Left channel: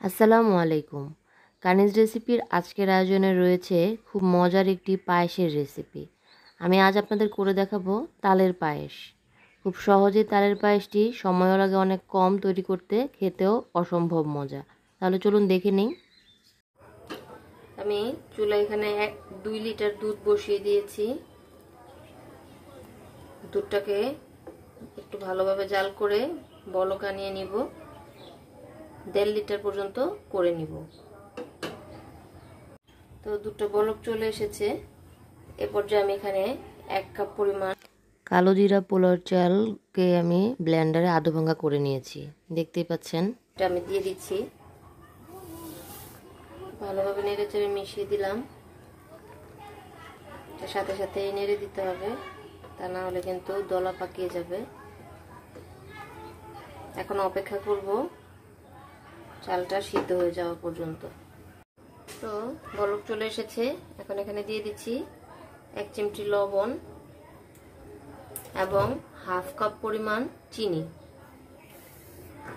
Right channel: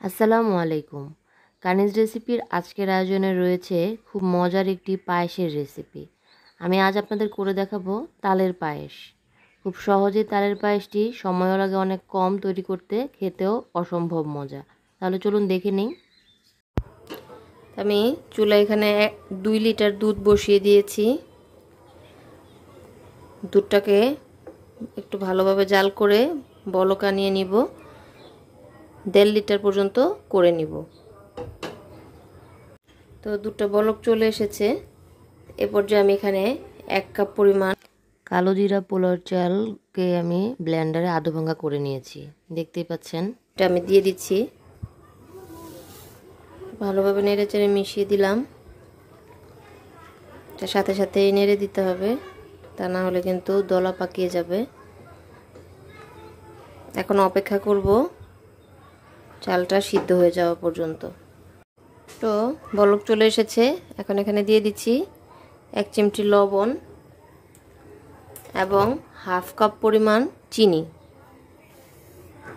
আসসালামু আলাইকুম। কানিজ রেসিপির আজকের আয়োজনে রয়েছে খুব মজার একটি পায়েসের রেসিপি। আমি আজ আপনাদের করে দেখাবো তালের পায়েস। খুব সহজেই তালের পায়েসটি সময়ও লাগে অনেক কম, তৈরি করতে খেতেও অসম্ভব মজা। তাহলে চলুন দেখে নিই। আমি চুলায় এখানে 2 লিটার দুধ বসিয়ে দিয়েছি। দুধটাকে একটু ভালোভাবে জাল করে বলক আনিয়ে নিব। 1.5 লিটার পর্যন্ত করে নিব। তো দুধটা বলক চলে এসেছে। এ পর্যায়ে আমি এখানে 1 কাপ পরিমাণ কালো জিরা পোলার চালকে আমি ব্লেন্ডারে আধা ভাঙা করে নিয়েছি, দেখতেই পাচ্ছেন। এটা আমি দিয়ে দিচ্ছি, ভালোভাবে নেড়ে চেড়ে মিশিয়ে দিলাম। এটার সাথে সাথে নেড়ে দিতে হবে, তা না হলে কিন্তু দলা পাকিয়ে যাবে। এখন অপেক্ষা করব চালটা সিদ্ধ হয়ে যাওয়া পর্যন্ত। তো বলক চলে এসেছে। এখন এখানে দিয়ে দিচ্ছি 1 চিমটি লবণ এবং হাফ কাপ পরিমাণ চিনি।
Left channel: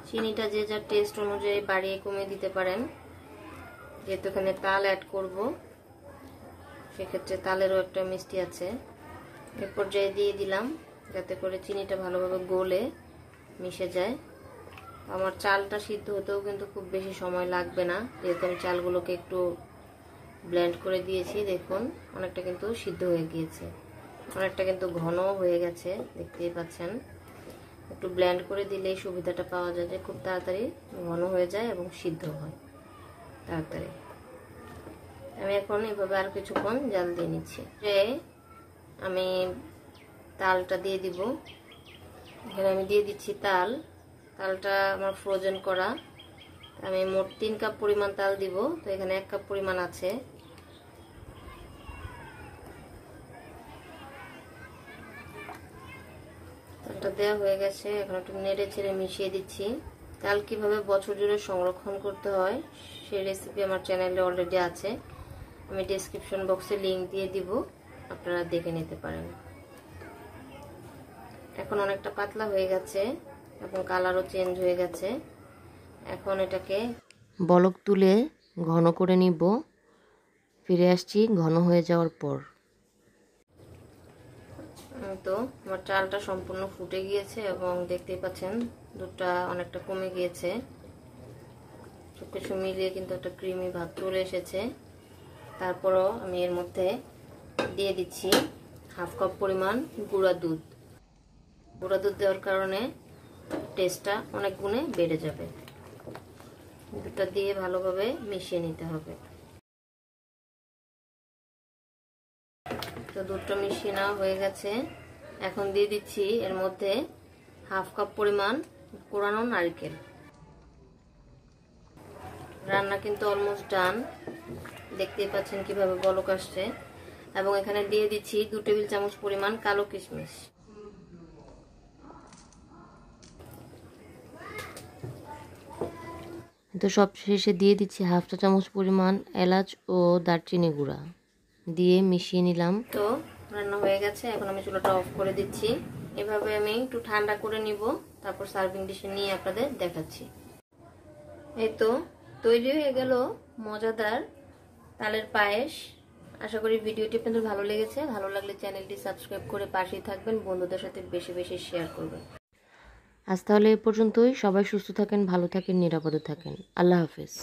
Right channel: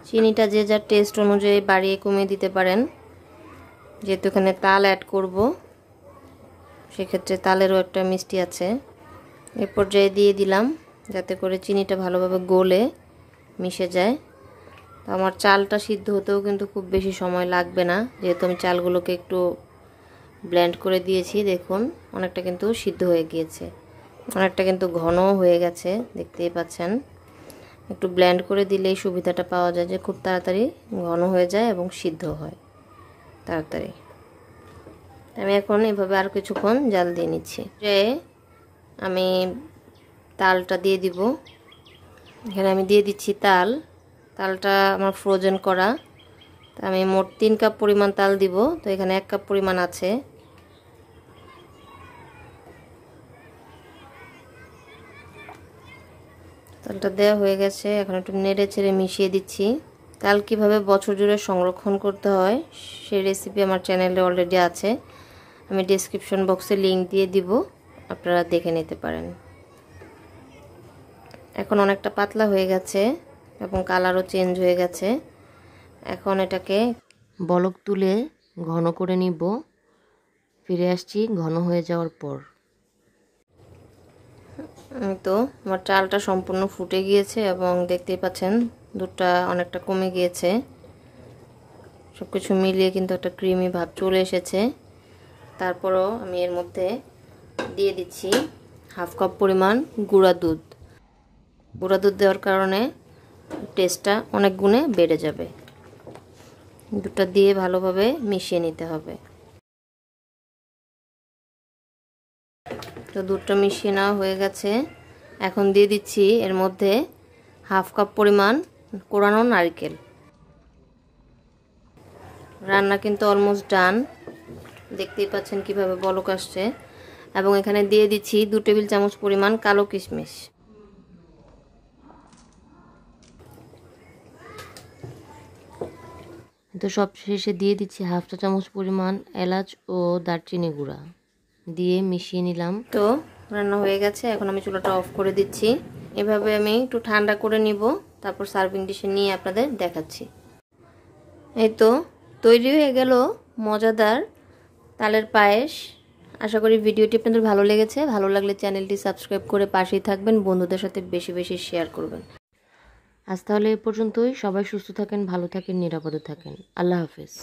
চিনিটা যে যার টেস্ট অনুযায়ী বাড়িয়ে কমিয়ে দিতে পারেন। যেহেতু এখানে তাল অ্যাড করব, সেক্ষেত্রে তালেরও একটা মিষ্টি আছে। এ পর্যায়ে দিয়ে দিলাম, যাতে করে চিনিটা ভালোভাবে গলে মিশে যায়। তো আমার চালটা সিদ্ধ হতেও কিন্তু খুব বেশি সময় লাগবে না, যেহেতু আমি চালগুলোকে একটু ব্লেন্ড করে দিয়েছি। দেখুন অনেকটা কিন্তু সিদ্ধ হয়ে গিয়েছে, অনেকটা কিন্তু ঘন হয়ে গেছে, দেখতেই পাচ্ছেন। একটু ব্লেন্ড করে দিলেই সুবিধাটা পাওয়া যায় যে খুব তাড়াতাড়ি ঘন হয়ে যায় এবং সিদ্ধ হয় তাড়াতাড়ি। আমি এখন এভাবে আর কিছুক্ষণ জাল দিয়ে নিচ্ছি। যে আমি তালটা দিয়ে দিব। এখানে আমি দিয়ে দিচ্ছি তালটা আমার ফ্রোজেন করা। আমি মোট 3 কাপ পরিমাণ তাল দিব, তো এখানে 1 কাপ পরিমাণ আছে। তালটা দেওয়া হয়ে গেছে, এখন একটু নেড়ে চেড়ে মিশিয়ে দিচ্ছি। তাল কিভাবে বছর জুড়ে সংরক্ষণ করতে হয় সেই রেসিপি আমার চ্যানেলে অলরেডি আছে, আমি ডেসক্রিপশন বক্সে লিংক দিয়ে দিব, আপনারা দেখে নিতে পারেন। এখন অনেকটা পাতলা হয়ে গেছে এবং কালারও চেঞ্জ হয়ে গেছে। এখন এটাকে বলক তুলে ঘন করে নিব। ফিরে আসছি ঘন হয়ে যাওয়ার পর। তো আমার চালটা সম্পূর্ণ ফুটে গিয়েছে এবং দেখতেই পাচ্ছেন দুধটা অনেকটা কমে গিয়েছে। সব কিছু মিলিয়ে কিন্তু একটা ক্রিমি ভাব চলে এসেছে। তারপরও আমি এর মধ্যে দিয়ে দিচ্ছি হাফ কাপ পরিমাণ গুঁড়া দুধ। গুঁড়া দুধ দেওয়ার কারণে টেস্টটা অনেক গুণে বেড়ে যাবে। দুধটা দিয়ে ভালোভাবে মিশিয়ে নিতে হবে। তো দুধটা মিশিয়ে নেওয়া হয়ে গেছে। এখন দিয়ে দিচ্ছি এর মধ্যে হাফ কাপ পরিমাণ কোরানো নারকেল। রান্না কিন্তু অলমোস্ট ডান, দেখতেই পাচ্ছেন কিভাবে বলক আসছে। এবং এখানে দিয়ে দিচ্ছি 2 টেবিল চামচ পরিমাণ কালো কিশমিশ। তো সব শেষে দিয়ে দিচ্ছি হাফ চা চামচ পরিমাণ এলাচ ও দারচিনি গুঁড়া দিয়ে মিশিয়ে নিলাম। তো রান্না হয়ে গেছে, এখন আমি চুলাটা অফ করে দিচ্ছি। এভাবে আমি একটু ঠান্ডা করে নিব, তারপর সার্ভিং ডিশে নিয়ে আপনাদের দেখাচ্ছি। এই তো তৈরি হয়ে গেল মজাদার তালের পায়েস। আশা করি ভিডিওটি আপনাদের ভালো লেগেছে। ভালো লাগলে চ্যানেলটি সাবস্ক্রাইব করে পাশেই থাকবেন, বন্ধুদের সাথে বেশি বেশি শেয়ার করবেন। আজ তাহলে এ পর্যন্তই। সবাই সুস্থ থাকেন, ভালো থাকেন, নিরাপদে থাকেন। আল্লাহ হাফেজ।